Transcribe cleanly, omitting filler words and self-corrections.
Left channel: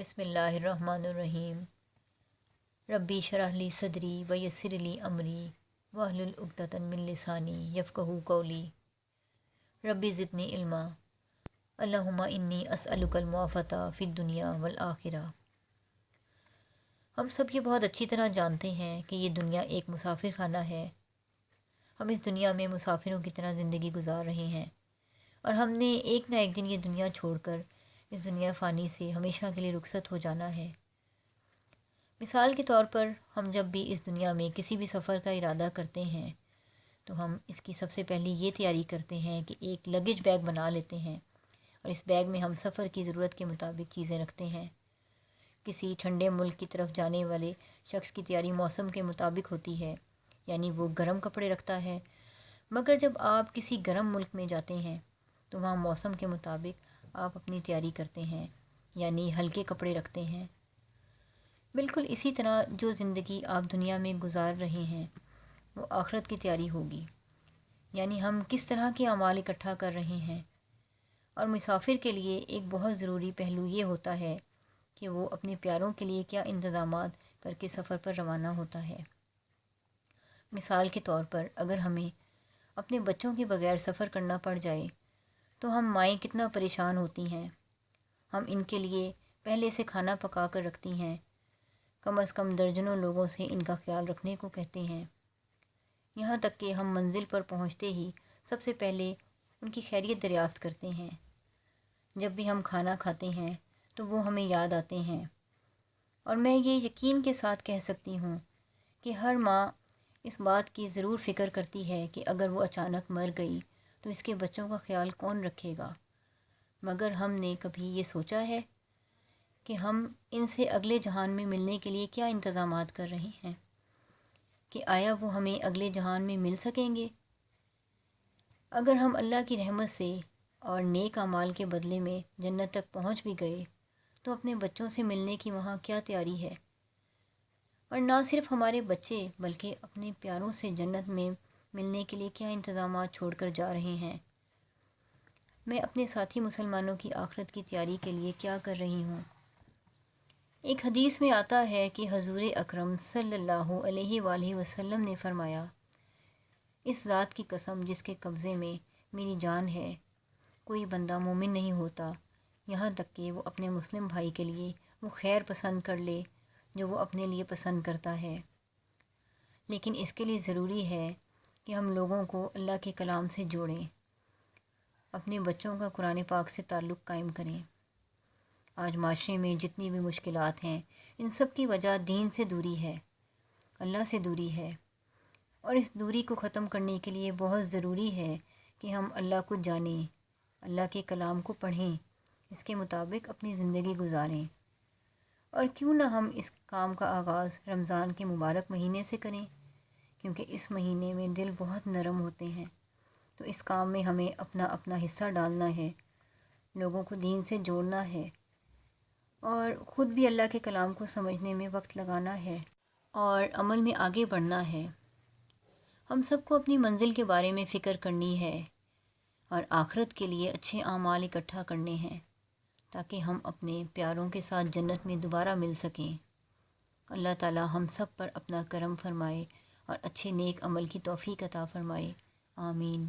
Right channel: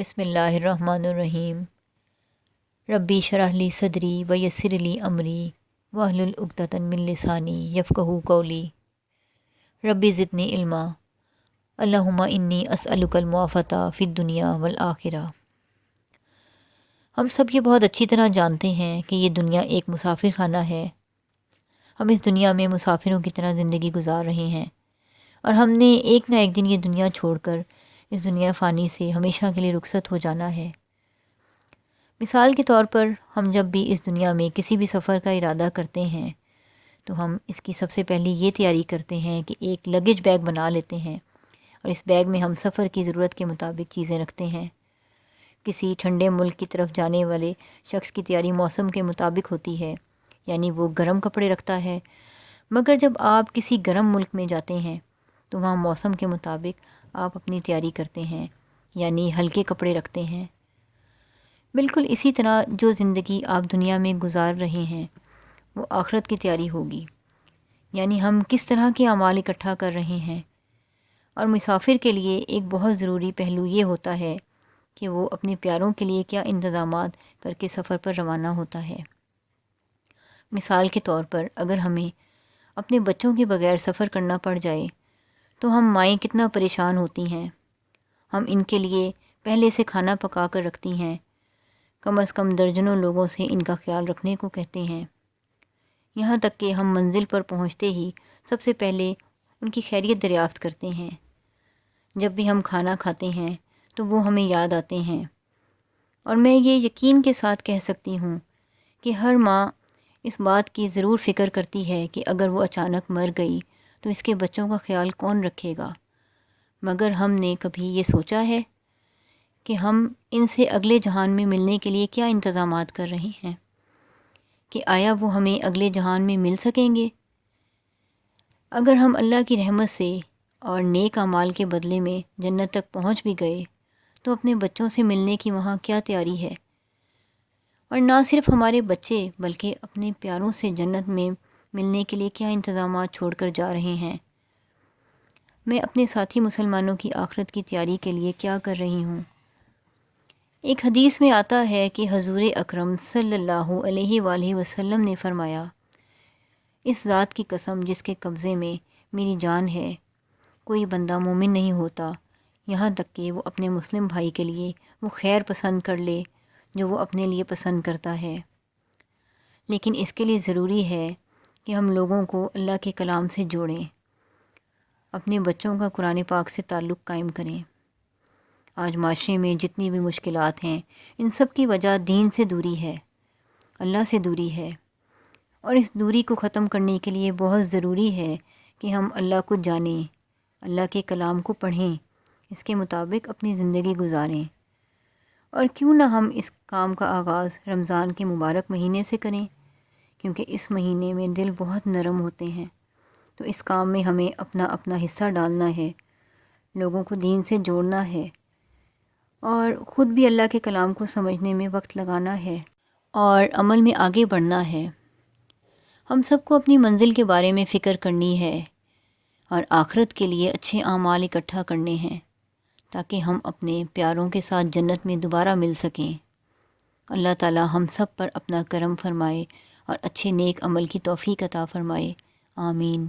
بسم اللہ الرحمن الرحیم۔ ربی شرح لی صدری ویسر لی امری واحلل عقدۃ من لسانی یفقہوا قولی۔ ربی زدنی علما، اللہم انی اسألک المعافاۃ فی الدنیا والآخرہ۔ ہم سب یہ بہت اچھی طرح جانتے ہیں کہ یہ دنیا ایک مسافر خانہ ہے۔ ہم اس دنیا میں مسافروں کی طرح زندگی گزار رہے ہیں، اور ہم نے ایک نہ ایک دن یہ دنیا چھوڑ کر اس دنیا فانی سے ہمیشہ کے لیے رخصت ہو جانا ہے۔ مثال کے طور پر ہم جب بھی اس دنیا میں کسی بھی سفر کا ارادہ کرتے ہیں تو ہم اس کی سب سے پہلے یہ تیاری کرتے ہیں کہ ایک لگیج بیگ بنا لیتے ہیں، اور اس بیگ میں ہم سفر کی ضرورت کے مطابق چیزیں رکھتے ہیں۔ کسی ٹھنڈے ملک کی طرف جانے والے شخص کی تیاری موسم کے مطابق ہوتی ہے، یعنی وہ گرم کپڑے رکھتا ہے، مگر جب آپ کسی گرم ملک میں جاتے ہیں تو وہاں موسم کے مطابق آپ اپنی تیاری کرتے ہیں، یعنی ہلکے کپڑے رکھتے ہیں۔ بالکل اسی طرح جو زندگی آپ دنیا میں گزار رہے ہیں وہ آخرت کی تیاری ہوگی، یعنی ہم کس طرح کے اعمال اکٹھا کر رہے ہیں۔ اور مسافر کے لیے ایک بہت ضروری پہلو یہ ہوتا ہے کہ وہ اپنے پیاروں کے لیے کیا انتظامات کر کے سفر پر روانہ ہوتا ہے۔ مثال کے طور پر اگر ہمیں اپنے بچوں کے بغیر سفر کرنا پڑ جائے تو ہم مائیں کتنا پریشان ہوتی ہیں۔ ہم ان کے لیے پہلے سے کھانا پکا کر رکھتی ہیں، کم از کم درجنوں لوگوں سے ان کا خیال رکھنے کو کہتے ہیں، یہاں تک کہ ہم منزل پر پہنچتے ہی سب سے پہلے ان کی خیریت دریافت کرتے ہیں۔ جب بھی ہم کھانا کھاتے ہیں تو وہ ہمیں یاد آتے ہیں، اور میں یہ یقین کے ساتھ کہہ سکتی ہوں کہ ہر ماں اس بات کی ضرور فکر کرتی ہے کہ اگر وہ اچانک مر گئی تو اس کے بچوں کا خیال کون رکھے گا۔ مگر ہم نے کبھی یہ سوچا ہے کہ ہم ان سے اگلے جہان میں ملنے کے لیے کیا انتظامات کر رہے ہیں؟ کہ آیا وہ ہمیں اگلے جہان میں مل سکیں گے؟ اگر ہم اللہ کی رحمت سے اور نیک اعمال کے بدلے میں جنت تک پہنچ بھی گئے تو اپنے بچوں سے ملنے کی وہاں کیا تیاری ہے؟ اور نہ صرف ہمارے بچے بلکہ اپنے پیاروں سے جنت میں ملنے کے لیے کیا انتظامات چھوڑ کر جا رہے ہیں۔ میں اپنے ساتھی مسلمانوں کی آخرت کی تیاری کے لیے کیا کر رہی ہوں؟ ایک حدیث میں آتا ہے کہ حضور اکرم صلی اللہ علیہ وآلہ وسلم نے فرمایا، اس ذات کی قسم جس کے قبضے میں میری جان ہے، کوئی بندہ مومن نہیں ہوتا یہاں تک کہ وہ اپنے مسلم بھائی کے لیے وہ خیر پسند کر لے جو وہ اپنے لیے پسند کرتا ہے۔ لیکن اس کے لیے ضروری ہے کہ ہم لوگوں کو اللہ کے کلام سے جوڑیں، اپنے بچوں کا قرآن پاک سے تعلق قائم کریں۔ آج معاشرے میں جتنی بھی مشکلات ہیں ان سب کی وجہ دین سے دوری ہے، اللہ سے دوری ہے، اور اس دوری کو ختم کرنے کے لیے بہت ضروری ہے کہ ہم اللہ کو جانیں، اللہ کے کلام کو پڑھیں، اس کے مطابق اپنی زندگی گزاریں۔ اور کیوں نہ ہم اس کام کا آغاز رمضان کے مبارک مہینے سے کریں، کیونکہ اس مہینے میں دل بہت نرم ہوتے ہیں، تو اس کام میں ہمیں اپنا اپنا حصہ ڈالنا ہے، لوگوں کو دین سے جوڑنا ہے، اور خود بھی اللہ کے کلام کو سمجھنے میں وقت لگانا ہے اور عمل میں آگے بڑھنا ہے۔ ہم سب کو اپنی منزل کے بارے میں فکر کرنی ہے اور آخرت کے لیے اچھے اعمال اکٹھا کرنے ہیں تاکہ ہم اپنے پیاروں کے ساتھ جنت میں دوبارہ مل سکیں۔ اللہ تعالی ہم سب پر اپنا کرم فرمائے اور اچھے نیک عمل کی توفیق عطا فرمائے، آمین۔